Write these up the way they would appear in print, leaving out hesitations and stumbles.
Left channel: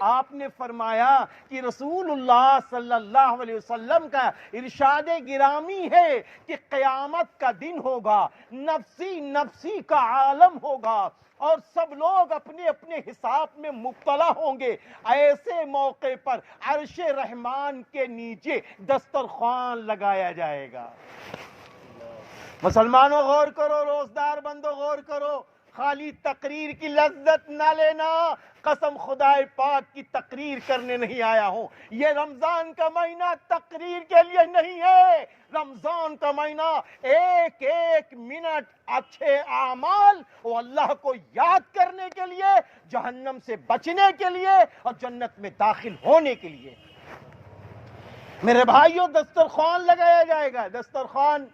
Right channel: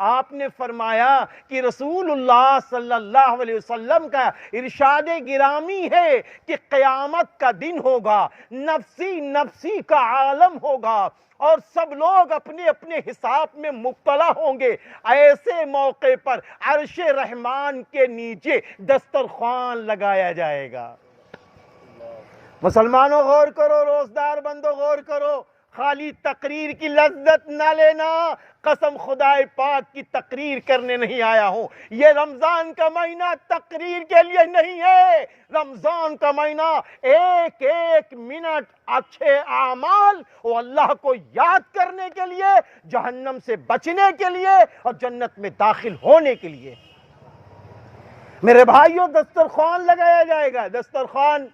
آپ نے فرمایا کہ رسول اللہ صلی اللہ علیہ وسلم کا ارشاد گرامی ہے کہ قیامت کا دن ہوگا، نفسی نفسی کا عالم ہوگا اور سب لوگ اپنے اپنے حساب میں مبتلا ہوں گے۔ ایسے موقع پر عرش رحمان کے نیچے دسترخوان لگایا جائے گا۔ مسلمانوں غور کرو، روزدار بندو غور کرو، خالی تقریر کی لذت نہ لینا۔ قسم خدا پاک کی تقریر کرنے نہیں آیا ہوں۔ یہ رمضان کا مہینہ تقریر کے لیے نہیں ہے۔ رمضان کا مہینہ ایک ایک منٹ اچھے اعمال اور اللہ کو یاد کرنے کے لیے، جہنم سے بچنے کے لیے اور جنت میں داخل ہونے کے لیے۔ میرے بھائیوں، دسترخوان لگایا جائے گا، دسترخوان،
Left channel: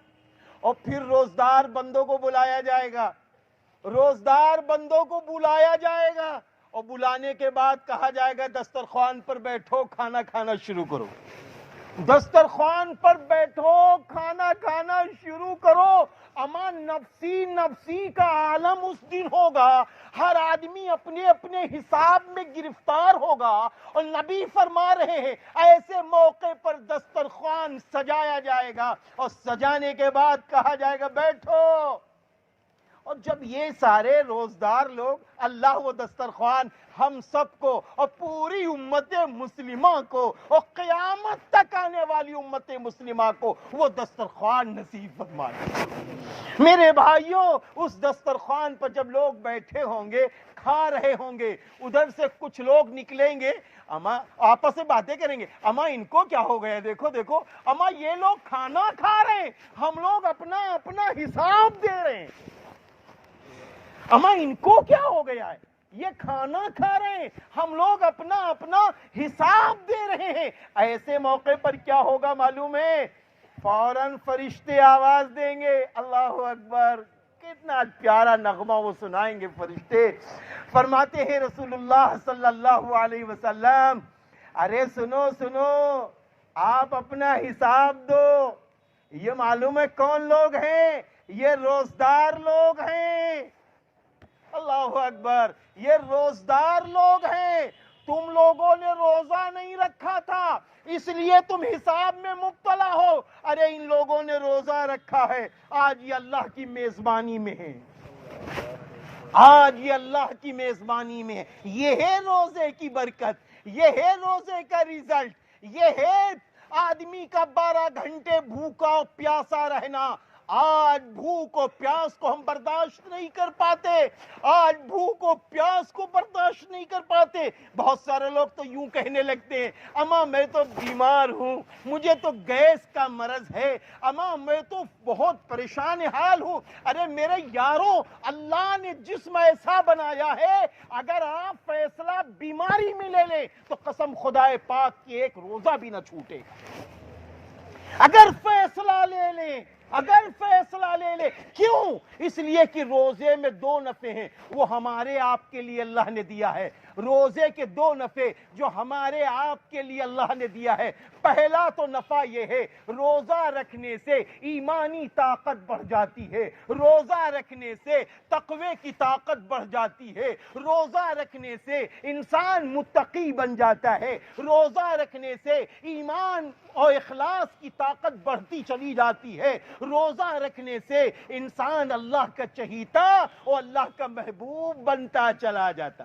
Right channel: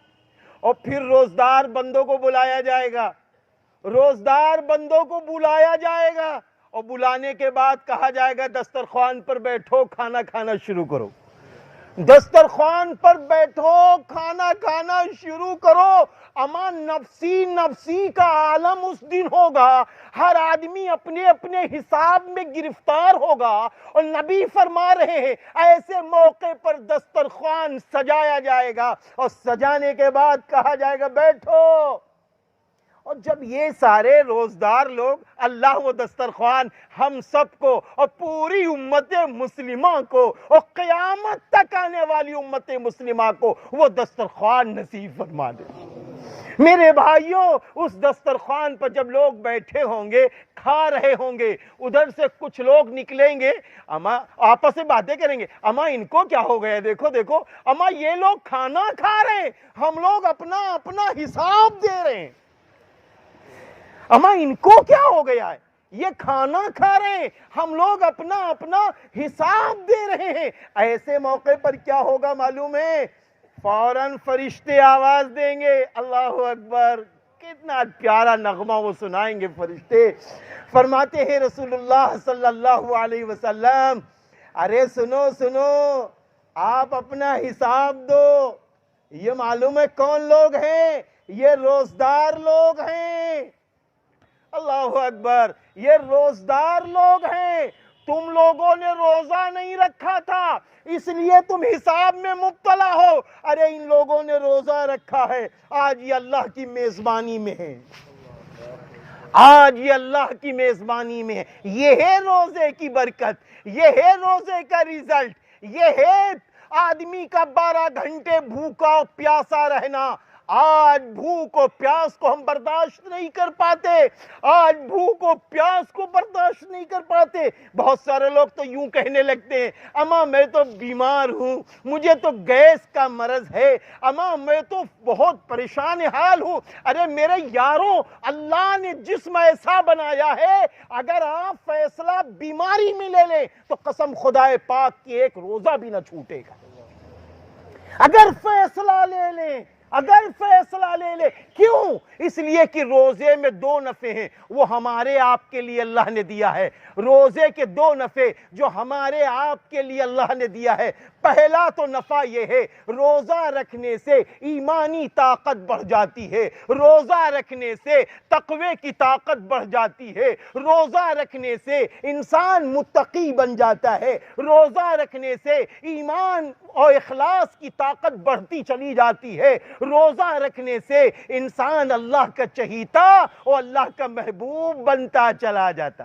اور پھر روزدار بندوں کو بلایا جائے گا۔ روزدار بندوں کو بلایا جائے گا اور بلانے کے بعد کہا جائے گا دسترخوان پر بیٹھو، کھانا کھانا شروع کرو۔ دسترخوان پر بیٹھو، کھانا کھانا شروع کرو۔ اما نفسی نفسی کا عالم اس دن ہوگا۔ ہر آدمی اپنے اپنے حساب میں گرفتار ہوگا اور نبی فرما رہے ہیں ایسے موقع پر دسترخوان سجایا جائے گا اور سجانے کے بعد کہا جائے گا بیٹھو۔ اور جب یہ سارے روزدار لوگ اللہ و دسترخوان ہم سب کو اور پوری امت مسلمہ کو اور قیامت تک آنے والی امت مسلمہ کو وہ دسترخوان نصیب فرما دے۔ میرے بھائیوں، اس دسترخوان پر جب لوگ بیٹھے ہوں گے، کھا رہے ہوں گے، ادھر سے کچھ لوگ نکلیں گے، اما آپس میں باتیں کریں گے، اما ان کو کیا ہو گیا، دیکھو دیکھو، اما یہ لوگ کھانا کھا رہے ہیں، ہم لوگ اپنا اپنا حساب دے رہے ہیں، اما ان کو کیا ہو گیا ہے، یہ کھانا کھا رہے ہیں، ہم لوگ اپنا اپنا حساب دے رہے ہیں۔ ایسے موقع پر کیا ہوگا معلوم ہے؟ فوراً فرشتے آواز دیں گے، اللہ اکبر، کتنا پیارا نغمہ وہ سنائیں گے فرشتے۔ فرماتے ہیں رسول اللہ صلی اللہ علیہ وسلم، ارے سنو سنو، آپ اپنا حساب دو۔ یہ معلوم ہے کون لوگ ہیں؟ یہ روزدار لوگ ہیں۔ اللہ اکبر، یہ روزدار لوگ ہیں۔ تم لوگوں نے روزہ نہیں رکھا تھا اس لیے تم حساب میں مبتلا ہو۔ ارے ان لوگوں نے روزہ رکھا ہے، آج یہ اللہ کی میزبانی میں ہے، آج یہ اللہ کی میزبانی میں ہے۔ یہ ہے روزے کی برکت، یہ ہے روزے کا ریزلٹ، یہ ہے آدمی کا 12 گھنٹے بھوکا اور پیاسا رہنا۔ آج بھوک و پیاس کو ہم برداشت نہیں کر پاتے، آج بھوک و پیاس کو برداشت نہیں کر پاتے۔ بہت سارے لوگ تو یوں کہنے لگتے ہیں، اما میں تو بیمار ہوں، مجھے تو گیس کا مرض ہے، اما میں تو بہت پریشان حال ہوں۔ ارے میرے یاروں، اللہ نے جسم ایسا بنایا ہے، اگر آپ فیصلہ بیماری میں لے لیں تو قسم خدا پاک کی ایک روزہ بھی نہ چھوٹے گا۔ اگر فیصلہ لے لیں، اگر فیصلہ لے لے، کیوں؟ اس لیے کہ روزے میں 2 نفع ہیں، وہ ہمارے آپ کے لیے اللہ نے دیا ہے۔ روزے کے 2 نفع جو ہمارے آپ کے لیے اللہ نے دیا ہے۔ پہلا تو نفع یہ ہے، روزہ رکھنے سے ایمانی طاقت بڑھ جاتی ہے، روزہ رکھنے سے تقوی کی طاقت بڑھ جاتی ہے، روزہ رکھنے سے انسان متقی بن جاتا ہے، روزہ رکھنے سے ایمان اور اخلاص کی طاقت بڑھتی چلی جاتی ہے، روزہ رکھنے سے انسان اللہ کا چہیتا اور اللہ کا محبوب بنتا چلا جاتا۔